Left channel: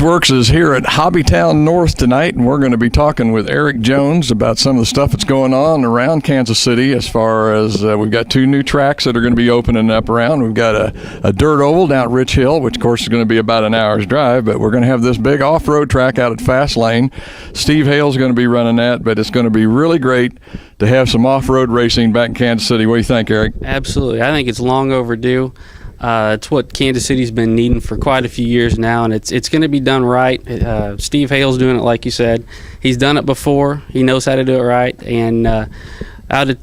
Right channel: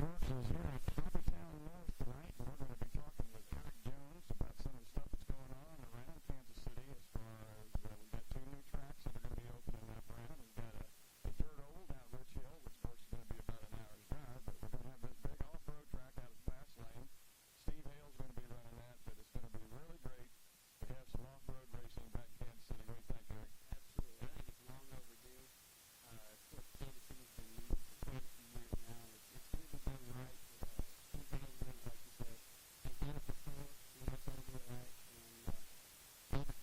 Works is here at Hobbytown North tonight, and we're going to be talking with Eric Jones about some of the stuff that's going on around Kansas City as far as we've got 2 new tracks that are going to be opening up around. We've got a dirt oval down at Rich Hill, which, of course, is going to be about an hour's drive, but we're going to have this big off-road track out at Fast Lane. Steve Hale's going to be running that, but it's going to be really great to have some off-road racing back in Kansas City. What do you think, Eric? Absolutely. I think it's long overdue. It's what Kansas City's been needing for quite a few years now, and it's going to be done right. Steve Hale's doing it like you said. He's done it before. He knows how to do it right. And out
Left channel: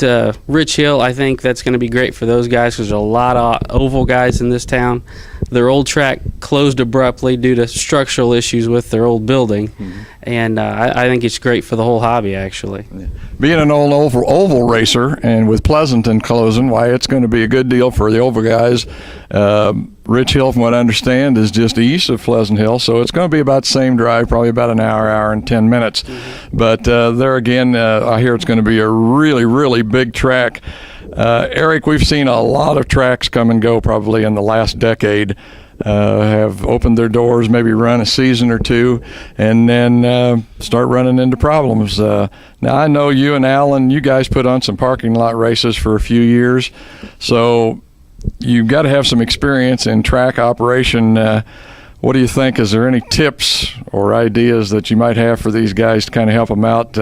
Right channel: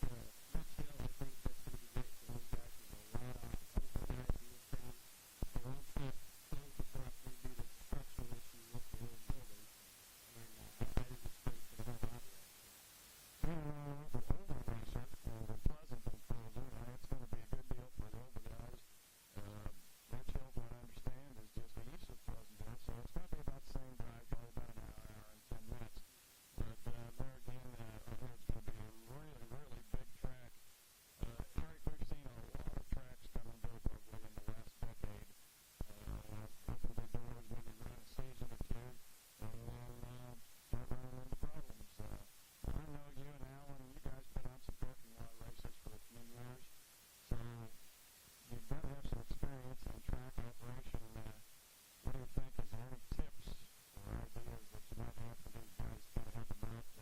at Rich Hill, I think that's going to be great for those guys because there's a lot of oval guys in this town. Their old track closed abruptly due to structural issues with their old building, and I think it's great for the whole hobby, actually. Being an old oval racer, and with Pleasanton closing, why, it's going to be a good deal for the oval guys. Rich Hill, from what I understand, is just east of Pleasant Hill, so it's going to be about the same drive, probably about an hour and 10 minutes. But there again, I hear it's going to be a really, really big track. Eric, we've seen a lot of tracks come and go probably in the last decade, have opened their doors, maybe run a season or two, and then start running into problems. Now, I know you and Alan, you guys put on some parking lot races for a few years, so you've got to have some experience in track operation. What do you think? Is there any tips or ideas that you might have for these guys to kind of help them out?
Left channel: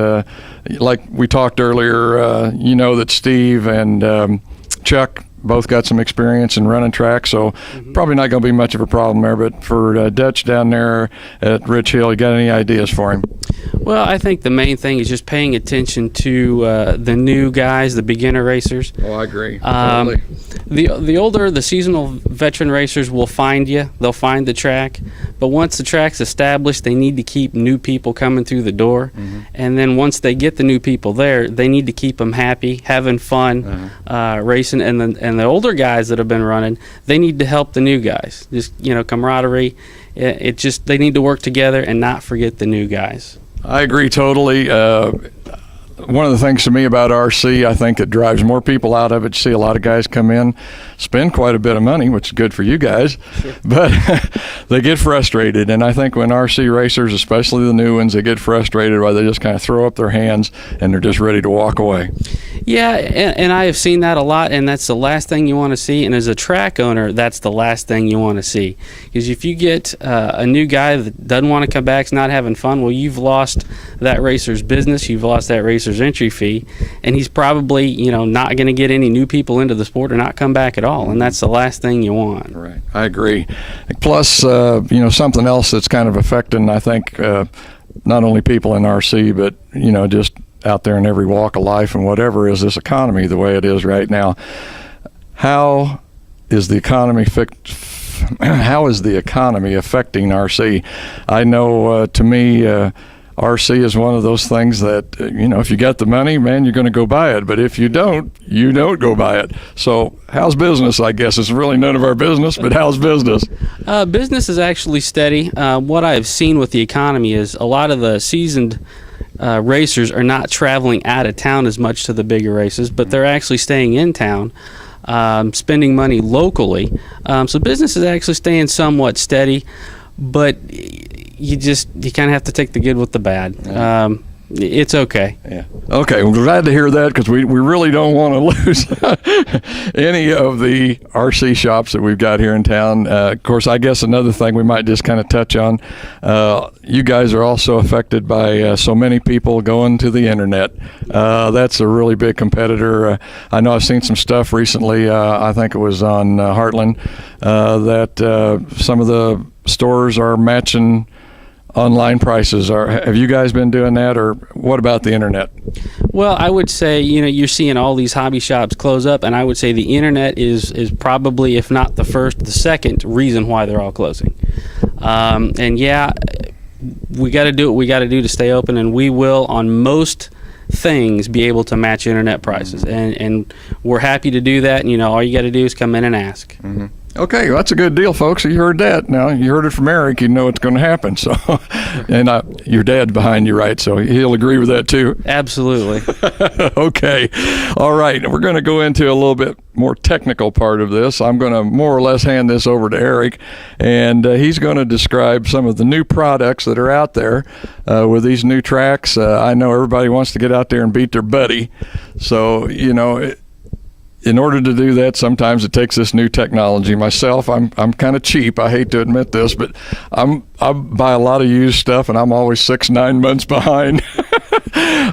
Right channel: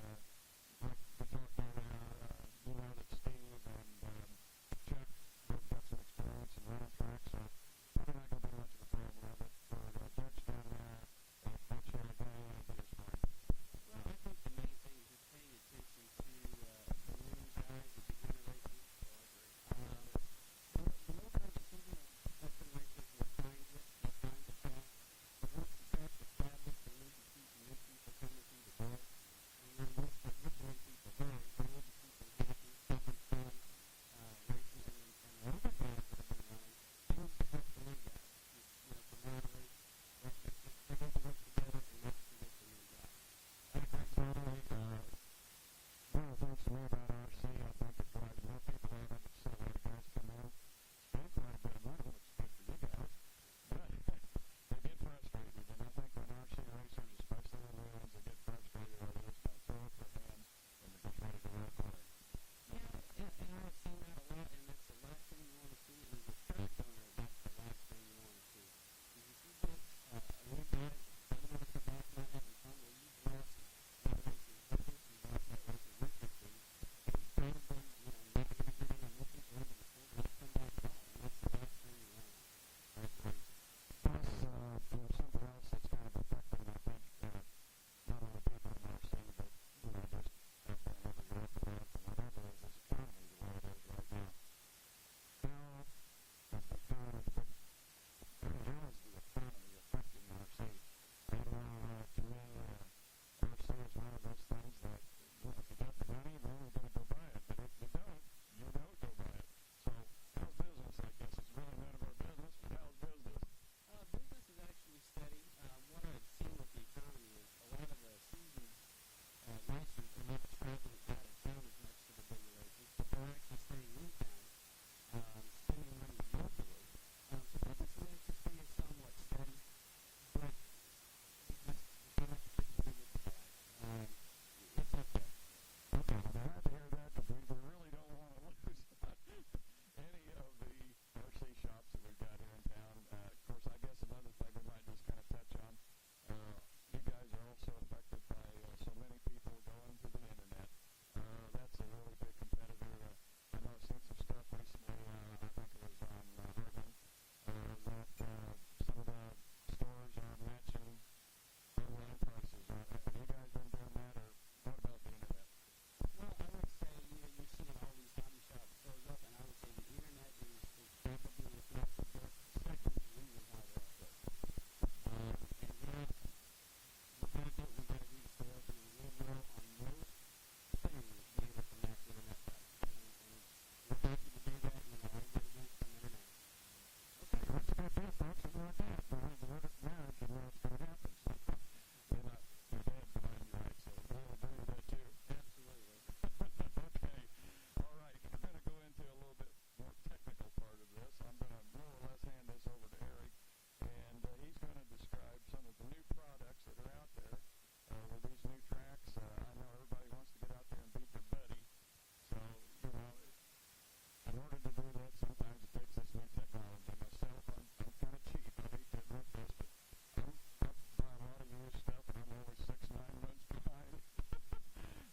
Like we talked earlier, you know that Steve and Chuck both got some experience in running tracks, so probably not going to be much of a problem there. But for Dutch down there at Rich Hill, you got any ideas for him? Well, I think the main thing is just paying attention to the new guys, the beginner racers. Oh, I agree. Totally. The older, the seasonal veteran racers will find you. They'll find the track. But once the track's established, they need to keep new people coming through the door. And then once they get the new people there, they need to keep them happy, having fun, racing. And the older guys that have been running, they need to help the new guys. Just, camaraderie. It just, they need to work together and not forget the new guys. I agree totally. One of the things to me about RC, I think it drives more people out of it. You see a lot of guys come in, spend quite a bit of money, which is good for you guys, but they get frustrated. And I think when RC racers, especially the new ones, they get frustrated, why they just kind of throw up their hands and they're just ready to walk away. Yeah, and I have seen that a lot, and that's the last thing you want to see. And as a track owner, that's the last thing you want to see. Because if you get a new guy that doesn't want to come back, is not having fun, well, you've lost that racer's business, you've lost that racer's entry fee, and he's probably, not going to get any new people into the sport or not come back at all, and that's the last thing you want. Right, I agree. Plus, something else that's kind of affecting, I think, not only people in RC, but, just out there in every walk of life and whatever, is this economy the way it is right now. How is the economy affecting RC? I know, to me, RC is one of those things that, if you got the money, man, you're going to go buy it. But if you don't go buy it. So how's business, I guess? It's really none of our business, but how's business? Business is actually steady. What I've seen with the economy is a lot of the seasoned racers are not traveling out of town as much to the bigger races, but they're actually staying in town, spending money locally. So business is actually staying somewhat steady, but you kind of have to take the good with the bad. It's okay. Yeah. Okay. Well, glad to hear that, because we really don't want to lose any of the RC shops that we've got here in town. Of course, I guess another thing we might just kind of touch on, you guys are also affected by so many people going to the internet. That's a really big competitor. I know I've seen some stuff recently, I think it was on Heartland, that some of the stores are matching online prices. Have you guys been doing that, or what about the internet? Well, I would say, you're seeing all these hobby shops close up, and I would say the internet is probably, if not the first, the second reason why they're all closing. And yeah, we got to do what we got to do to stay open, and we will, on most things, be able to match internet prices, and we're happy to do that. And all you got to do is come in and ask. Okay, well, that's a good deal, folks. You heard that. Now, you heard it from Eric. You know it's going to happen. So, and your dad's behind you, right? So he'll agree with that, too. Absolutely. Okay. All right. We're going to go into a little bit more technical part of this. I'm going to more or less hand this over to Eric, and he's going to describe some of the new products that are out there with these new tracks. I know everybody wants to get out there and beat their buddy. So, in order to do that, sometimes it takes this new technology. Myself, I'm kind of cheap. I hate to admit this, but I buy a lot of used stuff, and I'm always 6-9 months behind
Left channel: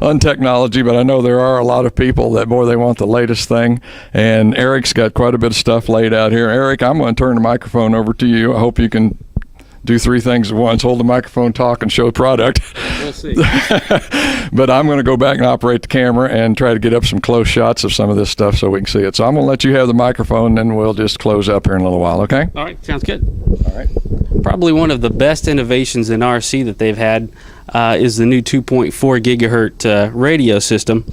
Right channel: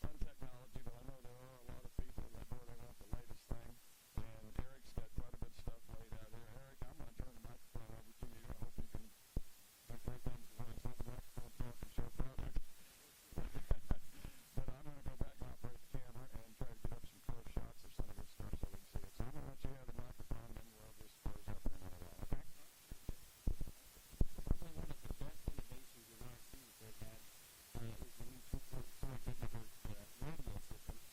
on technology. But I know there are a lot of people that, boy, they want the latest thing. And Eric's got quite a bit of stuff laid out here. Eric, I'm going to turn the microphone over to you. I hope you can do 3 things at once: hold the microphone, talk, and show product. We'll see. But I'm going to go back and operate the camera and try to get up some close shots of some of this stuff so we can see it. So I'm going to let you have the microphone, and then we'll just close up here in a little while, okay? All right, sounds good. All right. Probably one of the best innovations in RC that they've had is the new 2.4 gigahertz radio system.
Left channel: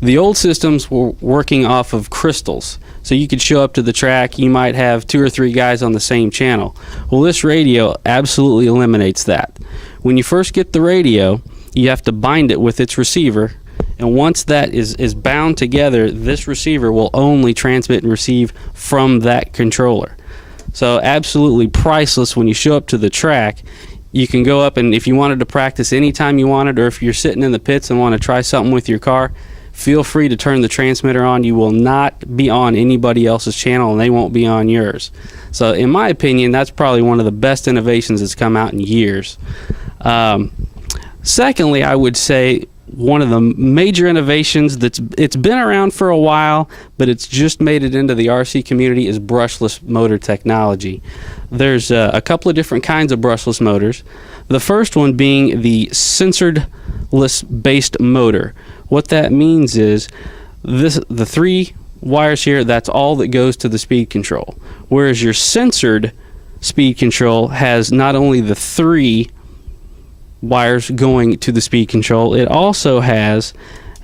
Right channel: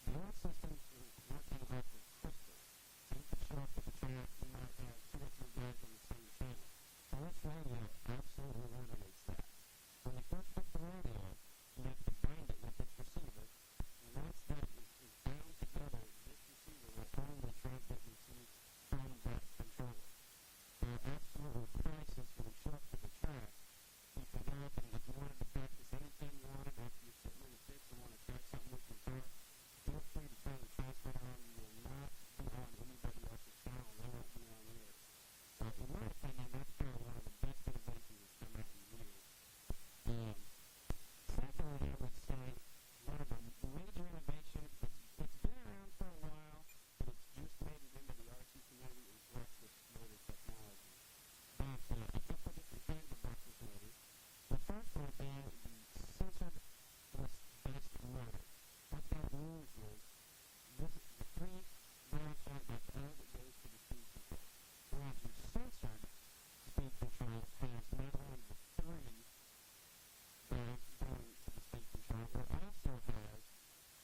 The old systems were working off of crystals. So you could show up to the track, you might have 2 or 3 guys on the same channel. Well, this radio absolutely eliminates that. When you first get the radio, you have to bind it with its receiver, and once that is bound together, this receiver will only transmit and receive from that controller. So absolutely priceless when you show up to the track. You can go up, and if you wanted to practice anytime you wanted, or if you're sitting in the pits and want to try something with your car, feel free to turn the transmitter on. You will not be on anybody else's channel, and they won't be on yours. So in my opinion, that's probably one of the best innovations that's come out in years. Secondly, I would say one of the major innovations it's been around for a while, but it's just made it into the RC community, is brushless motor technology. There's a couple of different kinds of brushless motors. The first one being the sensorless based motor. What that means is the 3 wires here, that's all that goes to the speed control. Whereas your sensored speed control has not only the 3 wires going to the speed control, it also has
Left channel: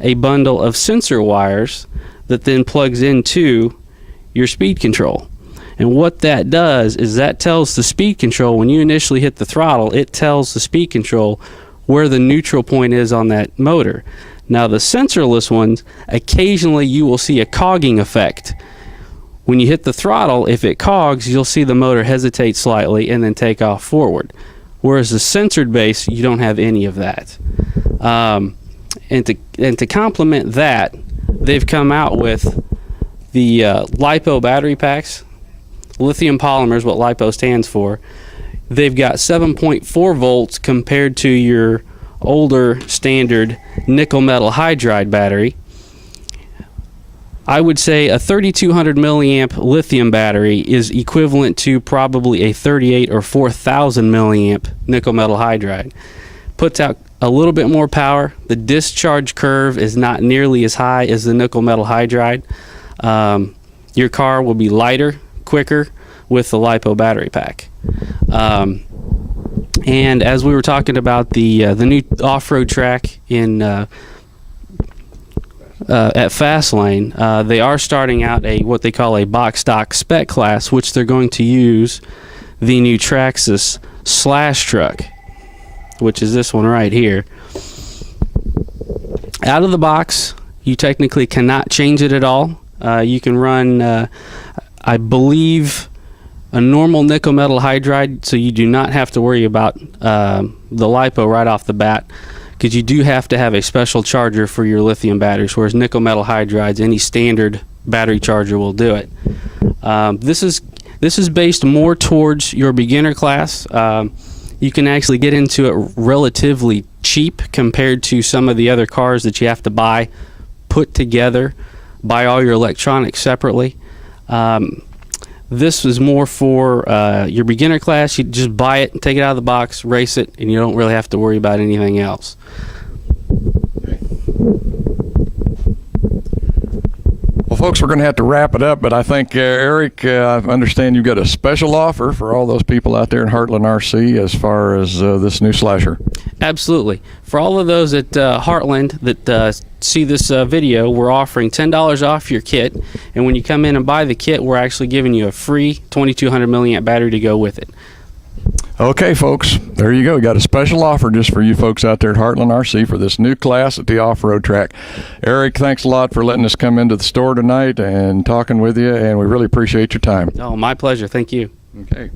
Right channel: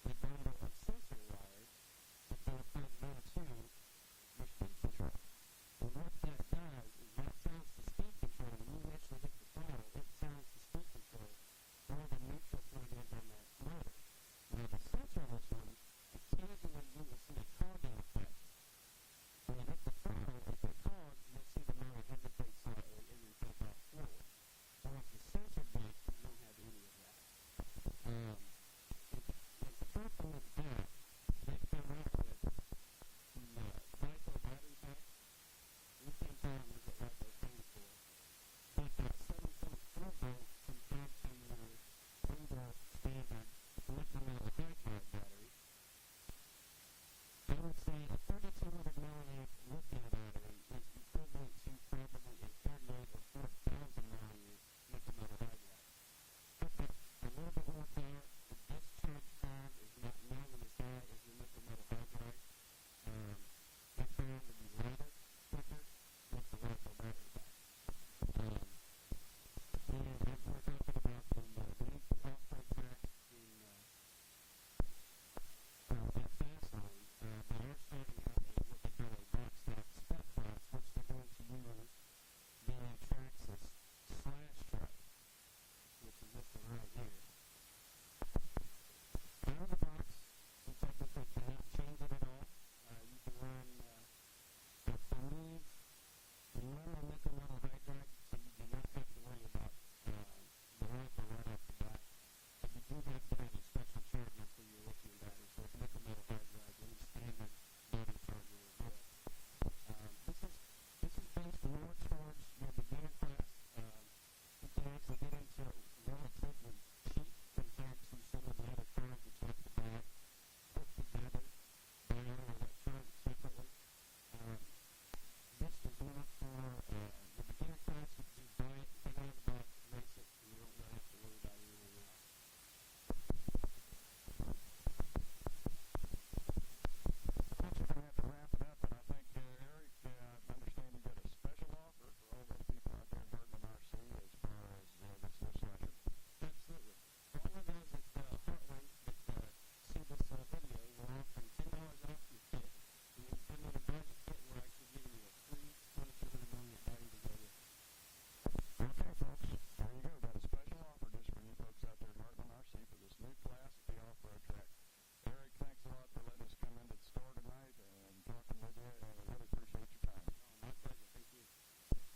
a bundle of sensor wires that then plugs into your speed control. And what that does is that tells the speed control, when you initially hit the throttle, it tells the speed control where the neutral point is on that motor. Now the sensorless ones, occasionally you will see a cogging effect. When you hit the throttle, if it cogs, you'll see the motor hesitate slightly and then take off forward. Whereas the sensored base, you don't have any of that. And to complement that, they've come out with the LiPo battery packs. Lithium polymer is what LiPo stands for. They've got 7.4 volts compared to your older standard nickel metal hydride battery. I would say a 3200 milliamp lithium battery is equivalent to probably a 38 or 4000 milliamp nickel metal hydride. Puts out a little bit more power. The discharge curve is not nearly as high as the nickel metal hydride. Your car will be lighter, quicker with the LiPo battery pack. And as we were talking about the new off-road track in at Fastlane, they are starting out what they call a box stock spec class, which they're going to use the new Traxxas Slash truck, which is this one right here. Out of the box, you technically cannot change it at all. You can run, I believe, a normal nickel metal hydride, so you do not have to worry about the LiPo right off the bat, because you do have to have a special charger for your lithium batteries, whereas nickel metal hydrides, any standard battery charger will do it. This is based more towards your beginner class. You can actually get into it relatively cheap compared to some of the other cars that you have to buy, put together, buy all your electronics separately. This is more for your beginner class. You just buy it, take it out of the box, race it, and you don't really have to worry about anything else. Well, folks, we're going to have to wrap it up, but I think, Eric, I understand you've got a special offer for all those people out there in Heartland RC as far as this new slasher. Absolutely. For all of those at Heartland that see this video, we're offering $10 off your kit. And when you come in and buy the kit, we're actually giving you a free 2200 milliamp battery to go with it. Okay, folks, there you go. We got a special offer just for you folks out there at Heartland RC for this new class at the off-road track. Eric, thanks a lot for letting us come into the store tonight and talking with you, and we really appreciate your time. Oh, my pleasure. Thank you. Okay.